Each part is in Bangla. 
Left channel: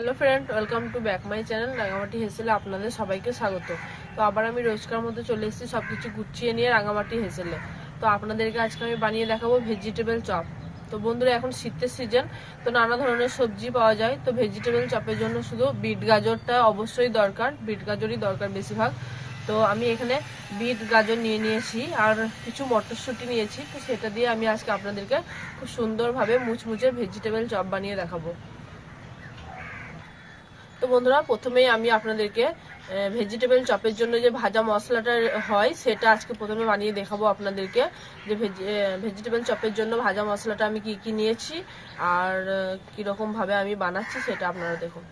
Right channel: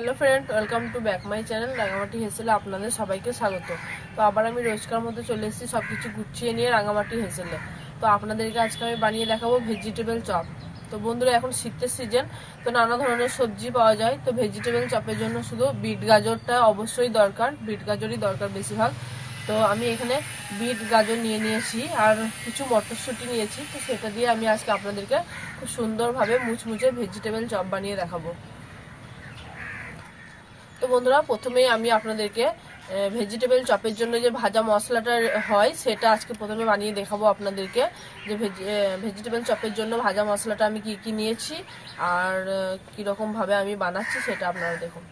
Hello friend, welcome to back my channel Rangamati হেসেলে আপনাদের সবাইকে স্বাগত। তো আবার আমি রোজকার মতো চলে এসেছি সবকিছু গুছিয়ে নিয়ে রাঙামাটি হেসেলে। তো আপনাদেরকে আজকে আমি বানিয়ে দেখাবো ভেজিটেবল চপ। তো বন্ধুরা, এখন শীতের সিজন, তো নানা ধরনের সবজি পাওয়া যায়। তো ভেজিটেবল চপের জন্য শুধু বিট গাজরটা অবশ্যই দরকার, বিট গাজরই দরকার বেশিরভাগ। তো আমি এখানে বিট গাজর নিয়েছি আর কিছু মটরশুঁটি নিয়েছি। তো সেটা দিয়ে আমি আজকে আপনাদেরকে খুব সুন্দরভাবে মুচমুচে ভেজিটেবল চপ বানিয়ে দেখাবো। তো বন্ধুরা, প্রথমেই আমি আপনাদেরকে ভেজিটেবল চপের জন্য যে ভাজা মশলাটা হয় সেটা আজকে প্রথমে বানিয়ে দেখাবো আপনাদেরকে। যে ভেজিটেবল চপের জন্য ভাজা মশলাটা আমি কি কি নিয়েছি আর কীরকম ভাবে আমি বানাচ্ছি সেটা আপনারা দেখুন।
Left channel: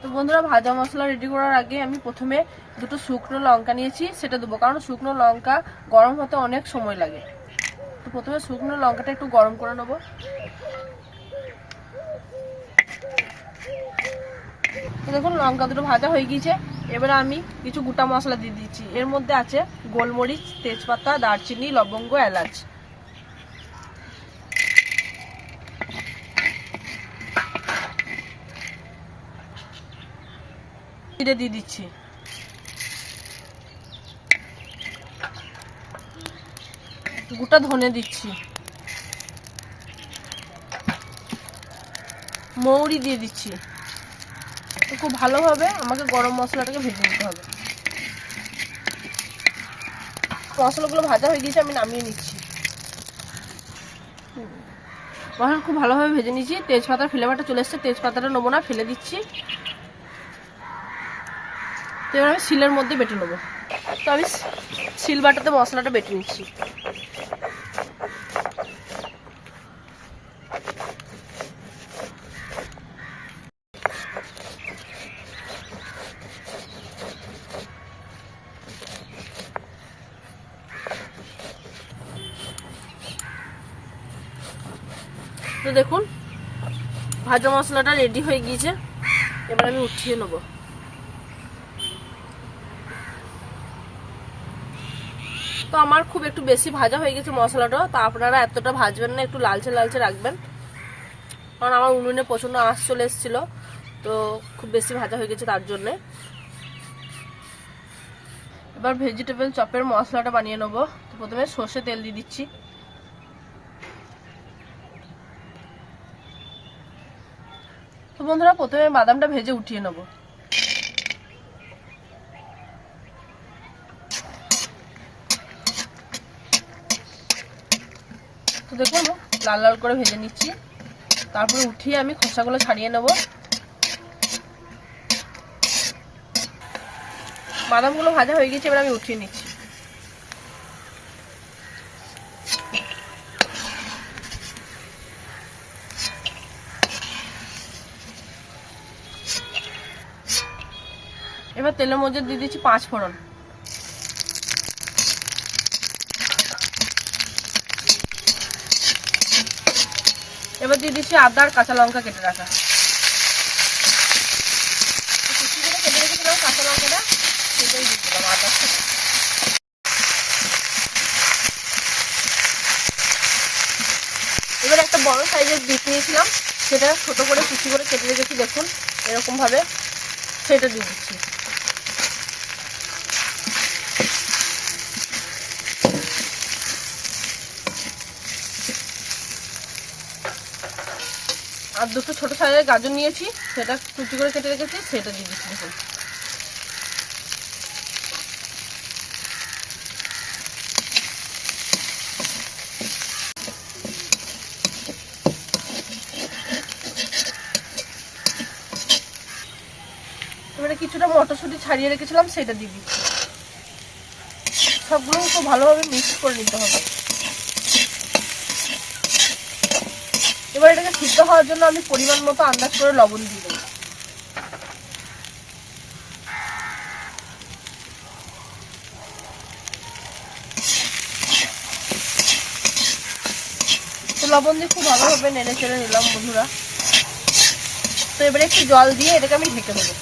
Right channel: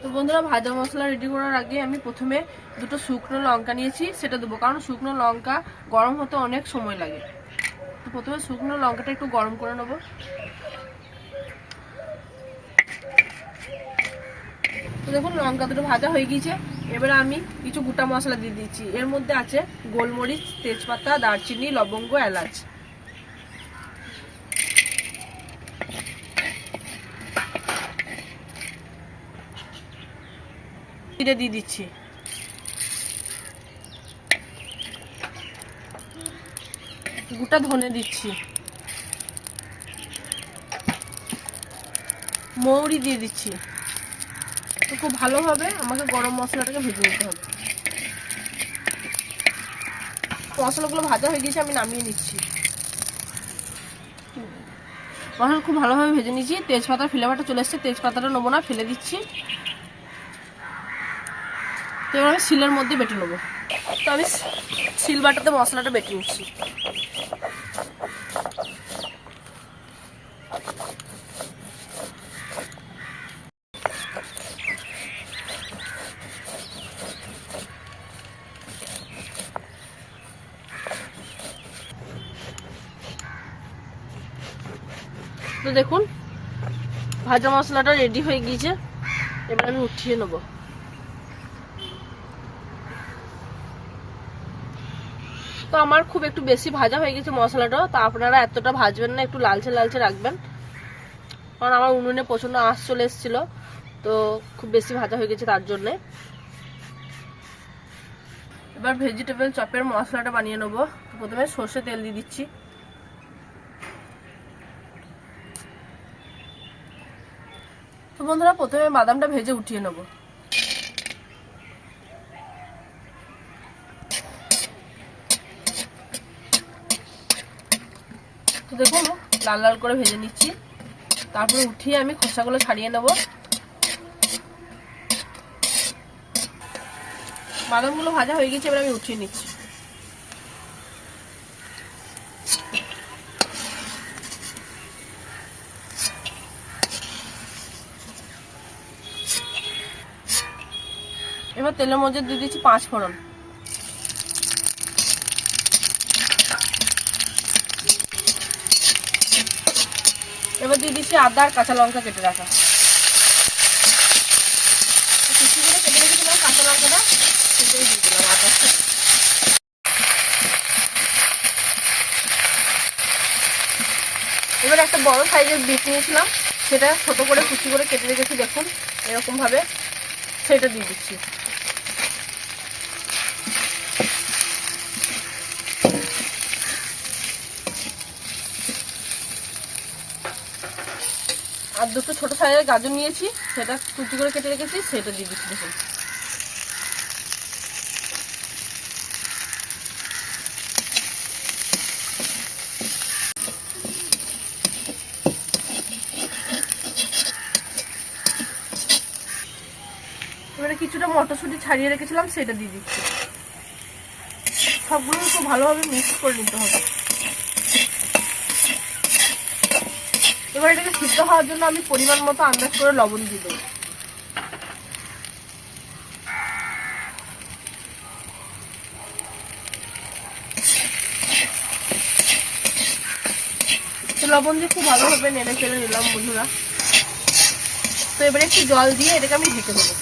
তো বন্ধুরা, ভাজা মশলা রেডি করার আগে আমি প্রথমে দুটো শুকনো লঙ্কা নিয়েছি, সেটা দেবো, কারণ শুকনো লঙ্কা গরম হতে অনেক সময় লাগে। তো প্রথমে শুকনো লঙ্কাটা একটু গরম করে নেবো। তো দেখুন, লঙ্কা দুটো ভাজা হয়ে গিয়েছে। এবারে আমি কিছু গোটা মশলা দিয়ে দিচ্ছি। এর মধ্যে আছে গোলমরিচ, তেজপাতা, দারচিনি, লবঙ্গ, এলাচ। জিরে দিয়ে দিচ্ছি। গোটা ধনে দিচ্ছি। মৌরি দিয়ে দিচ্ছি। তো খুব ভালোভাবে আমাকে গরম মশলাটাকে ভেজে নিতে হবে। মশলাগুলো ভাজা হয়ে গিয়েছে, আমি নামিয়ে নিচ্ছি। মশলা খুব ভালোভাবে ভেজে নিচ্ছি। তেজপাতার ফ্লেভারটা চলে এসছে, তেজপাতাটা নেবো না, ফেলে দিচ্ছি। তো এবার আমি শিলের মধ্যে বেটে নেবো। তো আমি শিল বাটাতে মশলাটা বেটে নিচ্ছি। তো দেখুন, ভাজা মশলাটা রেডি হয়ে গিয়েছে। এবার আমি উঠিয়ে নেব। তো আমার খুব একটু বেশি ভাজা হয়ে গেছে মশলাটা। তো আপনারা এতটা ভাজবেন না, একটু লালচে লালচে রাখবেন, কারণ আমার উনুনে প্রচন্ড আঁচ চলে এসেছিল। তো খুব বেশি ভাজা হয়ে গেছে তার জন্যে। এবার ভেজিটেবল চপের মশলাটা বানিয়ে নেবো। তো প্রথমে সর্ষে তেল দিয়ে দিচ্ছি। তো বন্ধুরা, প্রথমে বাদামটা ভেজে উঠিয়ে নেব। তো দেখুন, লাল লাল করে ভেজে নিচ্ছি। তারপরে উঠিয়ে আমি খোসাগুলো ছাড়িয়ে নেব। বাদামগুলো ভাজা হয়ে গেছে, এবার আমি উঠিয়ে নিচ্ছি। এবার তেলের মধ্যে দিয়ে দিচ্ছি 5 ফোড়ন। এবার দিয়ে দিচ্ছি আদা আর কাঁচা লঙ্কা কেটে রাখা। কুচি করে কেটে রেখেছিলাম কাঁচা লঙ্কাটা, সেটাই দিয়ে দিলাম আদার সাথে। এবার একটা বড় সাইজের বিট নিয়েছিলাম, সেটা ছোট করে কুচি করে কেটে রেখেছি, দেখুন এরকম ভাবে, সেটা দিয়ে দিচ্ছি। আর দুটো ছোট সাইজের গাজর নিয়েছি, সেটা কুচি করে কেটে রেখেছি, সেটা দিয়ে দিচ্ছি। দেখুন এবারে কিছুটা মটরশুঁটি ছাড়িয়ে রেখেছিলাম, সেটা দিয়ে দিচ্ছি। সবগুলো খুব ভালোভাবে মিক্স করে নিতে হবে। এবার এটাকে সিদ্ধ হওয়ার জন্য আমি পরিমাণ মতো আন্দাজ করে লবণ দিয়ে দেবো। তো লবণ দিয়ে খুব ভালোভাবে নেড়ে চেড়ে নিলাম বন্ধুরা। তো এবারে একটু জল দিয়ে এটাকে আমি ঢেকে দেবো।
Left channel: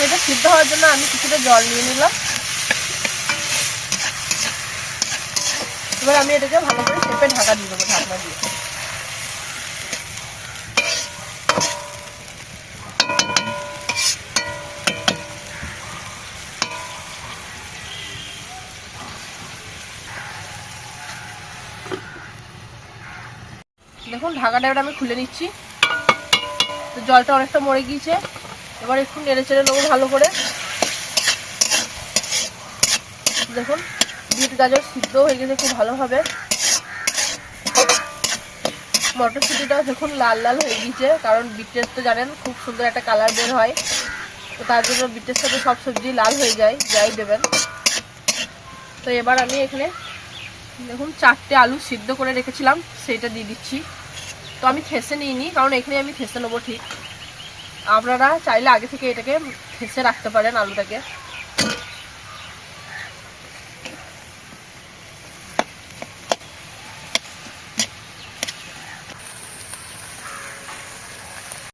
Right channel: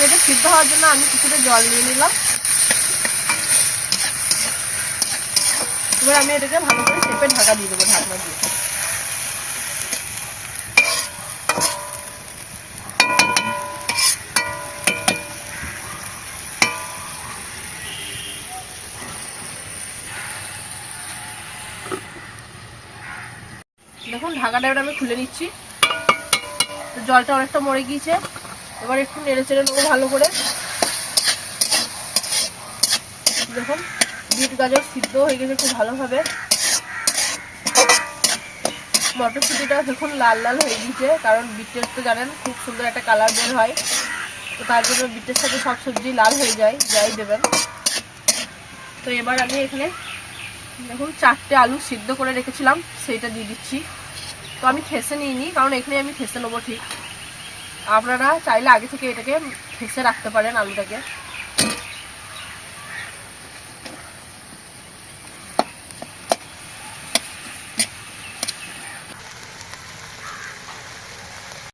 তো এটা সিদ্ধ হওয়ার জন্য আমি কিছুটা জল নিয়ে নিলাম। এবার আমি এটাকে ভালো করে চেপে ঢাকা দিয়ে দেবো, ঢাকনা দিয়ে। দেখুন ঢাকাটা এবার আমি খুলে নিচ্ছি। তো জলটা অনেকটা মরে গিয়েছে, এবার একটু নেড়ে চেড়ে নেবো ভালো করে। দেখুন বিট গাজর সিদ্ধ হয়ে গেছে খুব ভালোভাবে। মটরশুঁটিটা দেখুন লাল লাল হয়ে গিয়েছে, কারণ বিটের তো জানেন খুব সুন্দর একটা কালার বের হয়, তো তার জন্য বিটের সাথে সব সবজি লাল হয়ে যায় যাই দেবেন। তো এবার আমি এখানে দেখুন 4টে আলু সিদ্ধ করে রেখেছিলাম সেইটা দিয়ে দিচ্ছি। তো আমি ঠেসে নিইনি, কারণ এখানে আমি ঠেসে নেবো ঠিক। আপনারা চাইলে আগে থেকে এটাকে ঠেসে রাখতে পারেন আলুটাকে।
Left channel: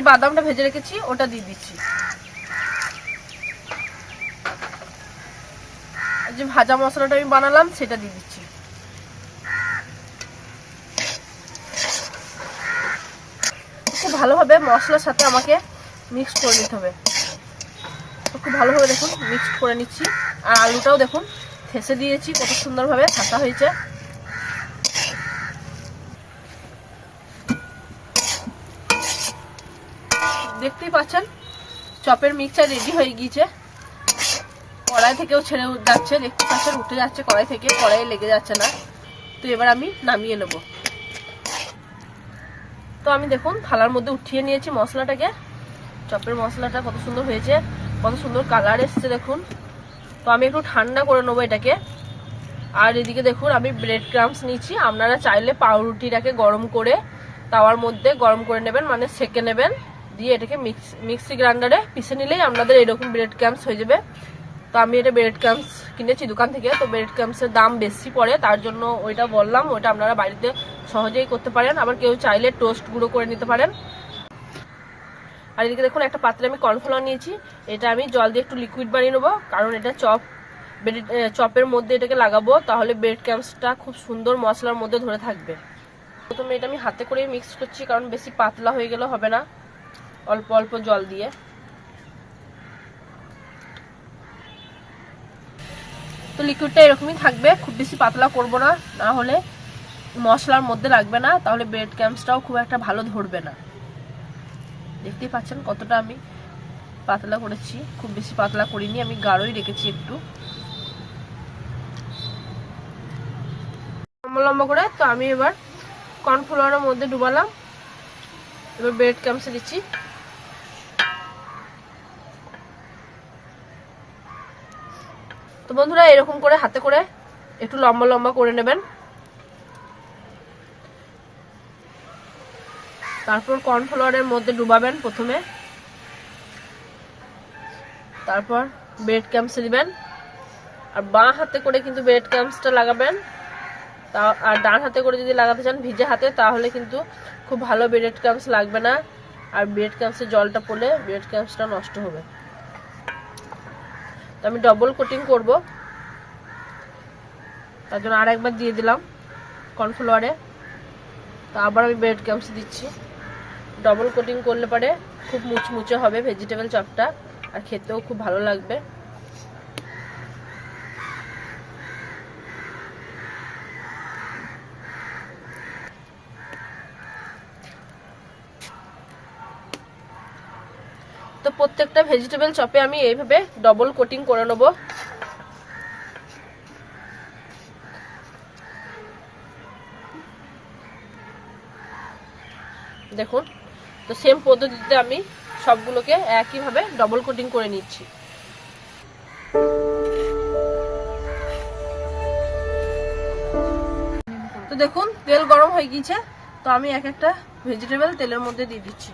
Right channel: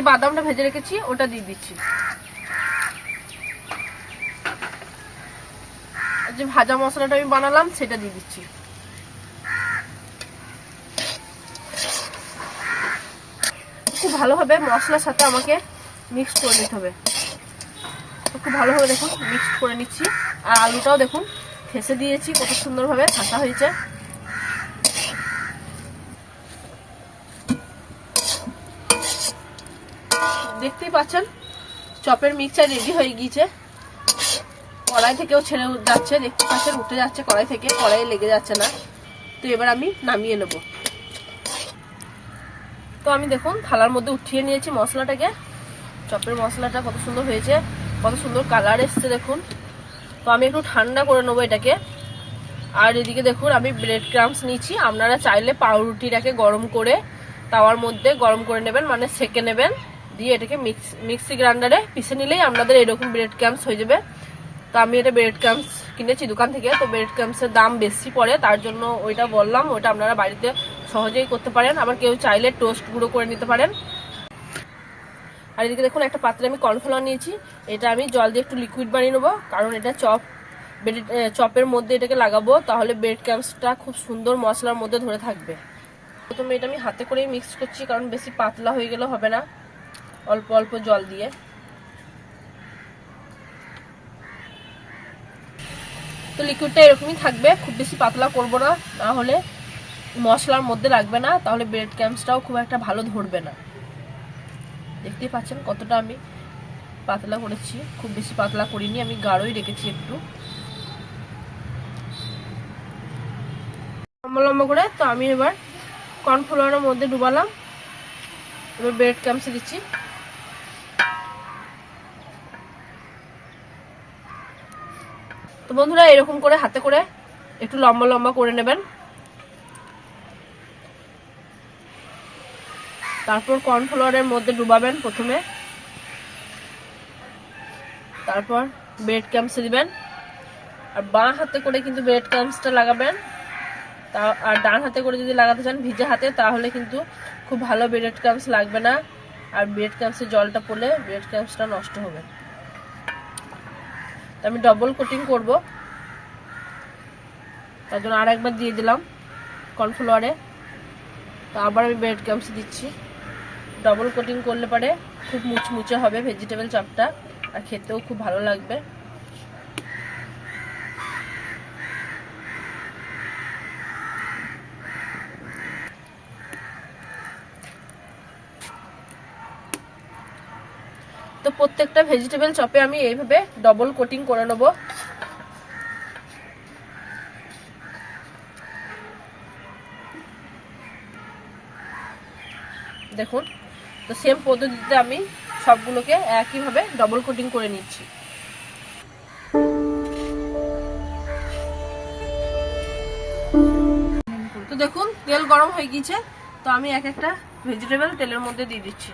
বাদামটা ভেজে রেখেছি ওটা দিয়ে দিচ্ছি। যে ভাজা মশলাটা আমি বানালাম সেটা দিয়ে দিচ্ছি। খুব ভালোভাবে মশলার সাথে আমাকে মিক্স করে নিতে হবে। তো খুব ভালোভাবে দেখুন মিক্স করে নিচ্ছি। আর আলুটাও দেখুন ঠেসে দিয়েছি, কত সুন্দরভাবে ঠাসা হয়েছে। দেখতেই পাচ্ছেন চপের মিক্সচার রেডি হয়ে গিয়েছে। কড়াই থেকেও ছেড়ে যাচ্ছে, দেখতে পাচ্ছেন উঠে যাচ্ছে কড়াই থেকে, কড়াইয়ে লেগে যাচ্ছে না। তো এবার আমি নামিয়ে নেব। তো আমি দেখুন থালার মধ্যে উঠিয়ে নিয়েছি মশলাটাকে। চপের মশলাটা কত সুন্দর হয়েছে, কত সুন্দর কালার এসছে দেখুন। তো আমি একটু ঠান্ডা করে নেবো এটাকে। আর এদিকে দেখুন আমি ব্রেড ক্রাম্বস নিয়েছি। আপনারা চাইলে পাউরুটিটাকে গরম করে তাওয়ার মধ্যে গরম করে নেবেন, মানে সেকে নেবেন, দিয়ে এটাকে মিক্সি গ্রাইন্ডারে পিষে নিলেই আপনাদের এরকম ব্রেড ক্রাম্বস হয়ে যাবে। তো আমি এটা ব্রেড ক্রাম্বস কিনেছি দোকান থেকে। তো ব্রেড ক্রাম্বসের দাম বেশি পড়ে, তার জন্য ওইটা বললাম। ওইটা আপনারা বাড়িতে সহজেই করতে পারেন, আবার কেউ চাইলে টোস্ট গুঁড়ো করে নিতে পারেন। আর এদিকে দেখুন একটা পাত্রে আমি কর্নফ্লাওয়ার নিয়েছি। এটা আমি জল দিয়ে একটু লিকুইড বানিয়ে নেবো, কারণ এটা চপের মধ্যে এটাকে লাগাবো, তাহলে ব্রেড ক্রাম্বসটা খুব সুন্দর মশলার মধ্যে ধরে থাকবে। প্রথমে এটা আমি হাতে করেই মিক্স করছি, কারণ বেশি পাতলা হয়ে গেলে হবে না, অল্প অল্প জল দিয়ে। তো লিকুইডটা এরকমই থাকবে, খুব বেশি পাতলা করব না, না হলে মশলার মধ্যে লাগবে না, তাহলে ব্রেড ক্রাম্বসটাও খুব একটা ভালো ধরবে না। দেখতেই পাচ্ছেন কতটা আমি পাতলা করেছি, খুব বেশি পাতলা করিনি, আমি গাঢ়ই রেখেছি একটু লম্বা লম্বা করে। তো আমি এবার কর্নফ্লাওয়ারের মধ্যে ডুবালাম, এবার ব্রেড ক্রাম্বসে দিচ্ছি। তো বন্ধুরা এরকম করে হাতে করে একটু লম্বা লম্বা করে নেবেন। তারপর কর্নফ্লাওয়ারের মধ্যে ডুবাবেন প্রথমে, তারপর ব্রেড ক্রাম্বসে দিবেন। আর বাঁ হাতে করে কিন্তু ব্রেড ক্রাম্বসটা লাগাবেন, আর ডান হাতে করে যদি লাগাতে চান ভিজে হাতে, তাহলে কিন্তু খুব ভালো ব্রেড ক্রাম্বস লাগবে না, আর ব্রেড ক্রাম্বসে জলটা পড়লে ব্রেড ক্রাম্বসটা নষ্ট হবে। তো আমি ডবল কোটিং করব, তার জন্য আর একবার দিয়ে দিলাম কর্নফ্লাওয়ারে। তো আবার আমি ব্রেড ক্রাম্বস দিচ্ছি। ডবল কোটিং করলে পরে খুব মুচমুচে হবে ভেজিটেবল চপটা, আর খেতেও খুব ভালো লাগবে। তো প্রত্যেকটা ভেজিটেবল চপে আমি এইভাবে ডবল কোটিং করে নেব। দেখুন তো সেম পদ্ধতিতে আমি সবগুলোকে একইভাবে ডবল কোটিং করে নিচ্ছি। তো দেখুন তেল গরম হয়ে গিয়েছে, তো আমি এক একটা ভেজিটেবল তেলের মধ্যে দিয়ে দিচ্ছি।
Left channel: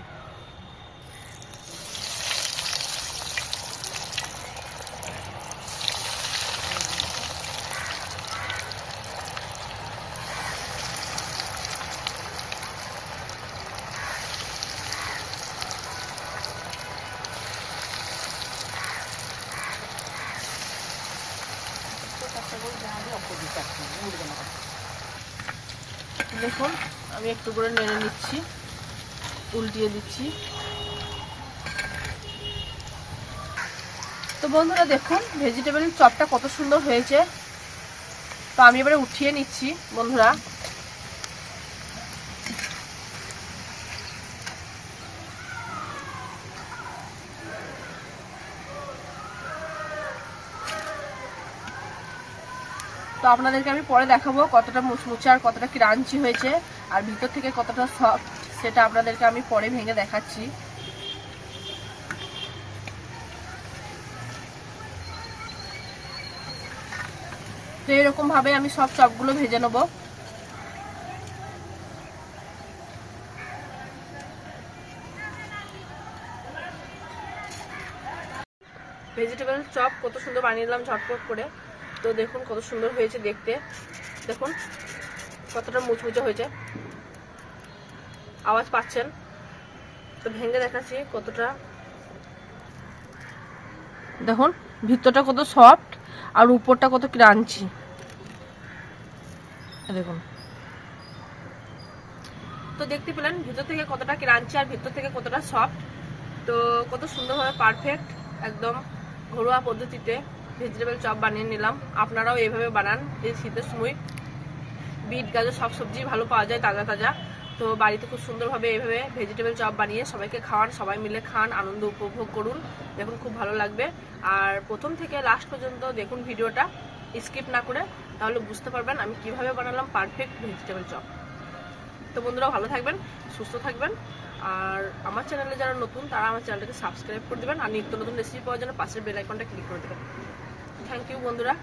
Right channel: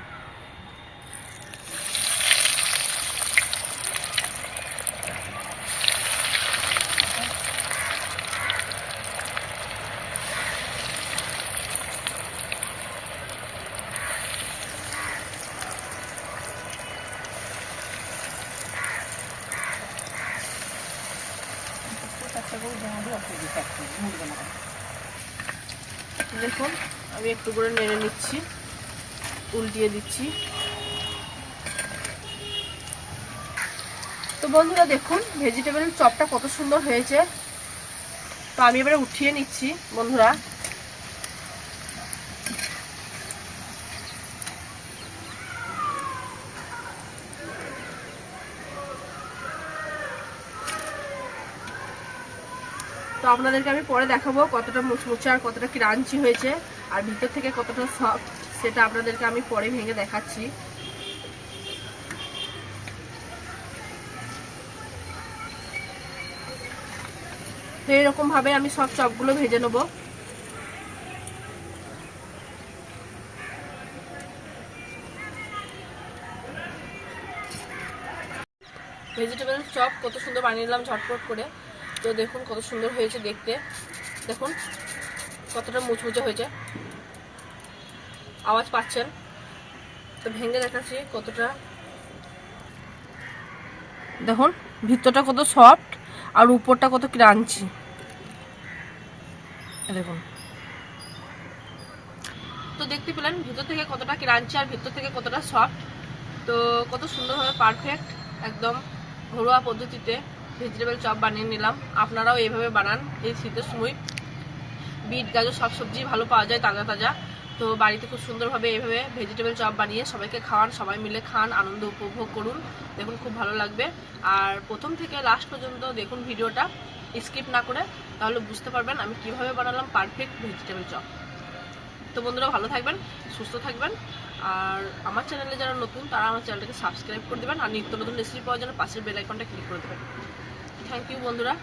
দেখুন আমি একটু করে নেড়ে নিচ্ছি, উল্টিয়ে দিচ্ছি। তো বন্ধুরা দেখুন ভেজিটেবল চপটা কত সুন্দর হয়েছে। তো আমি এবারে উঠিয়ে নিচ্ছি বন্ধুরা। তো আপনাদেরকে আমি পরে দেখাবো কতটা মুচমুচে আর কতটা ক্রাঞ্চি হয়েছে, আর ভিতর থেকে কতটা সফট সেটা আপনাদেরকে আমি পরে ভেঙে দেখাচ্ছি। তো এরকম ভাবে আমি সব চপগুলো ভেজে নেব। ভেজিটেবল চপ কত সুন্দর বানিয়ে নিলাম ঝটপট করে। তো দেখুন কত সুন্দর হয়েছে দেখতে, দেখুন কতটা মুচমুচে হয়েছে, আওয়াজ পাচ্ছেন। তো ভেঙে দেখাচ্ছি কতটা, দেখুন ভিতরটা কত সফট আর উপরটা কত ক্রাঞ্চি, দেখুন। তো দেখতে পেলেন ভিতর থেকে কতটা ক্রাঞ্চি আর ভিতর থেকে কতটা সফট। তো কত সুন্দরভাবে পারফেক্ট একদম ঘরোয়া পদ্ধতিতে ভেজিটেবল চপ বানিয়ে নিলাম। আপনারাও এইভাবে বানান, এই শীতের সময় বিট গাজর সব সবজি ভালো পাওয়া যায় তাজা তাজা। তো বাড়িতে খুব সুন্দরভাবে এইভাবে ভেজিটেবল চপ বানিয়ে সবাইকে খাওয়ান, সবাই মিলে খান, আনন্দ উপভোগ করুন। দেখুন খুব ভালো লাগবে। আর প্রথম থেকে লাস্ট পর্যন্ত দেখুন ভিডিওটা, স্কিপ না করে, তাহলে বুঝতে পারবেন আমি কিভাবে বানালাম পারফেক্ট ভেজিটেবল চপ। তো বন্ধুরা ভালো থাকবেন, সুস্থ থাকবেন। আর আমার চ্যানেলে যারা নতুন তারা আমার চ্যানেলটাকে সাবস্ক্রাইব করে দেবেন, আর নিত্য নতুন রেসিপি পাওয়ার জন্য পাশের বেল আইকনটা ক্লিক করে দেবেন। থ্যাংক ইউ বন্ধুরা।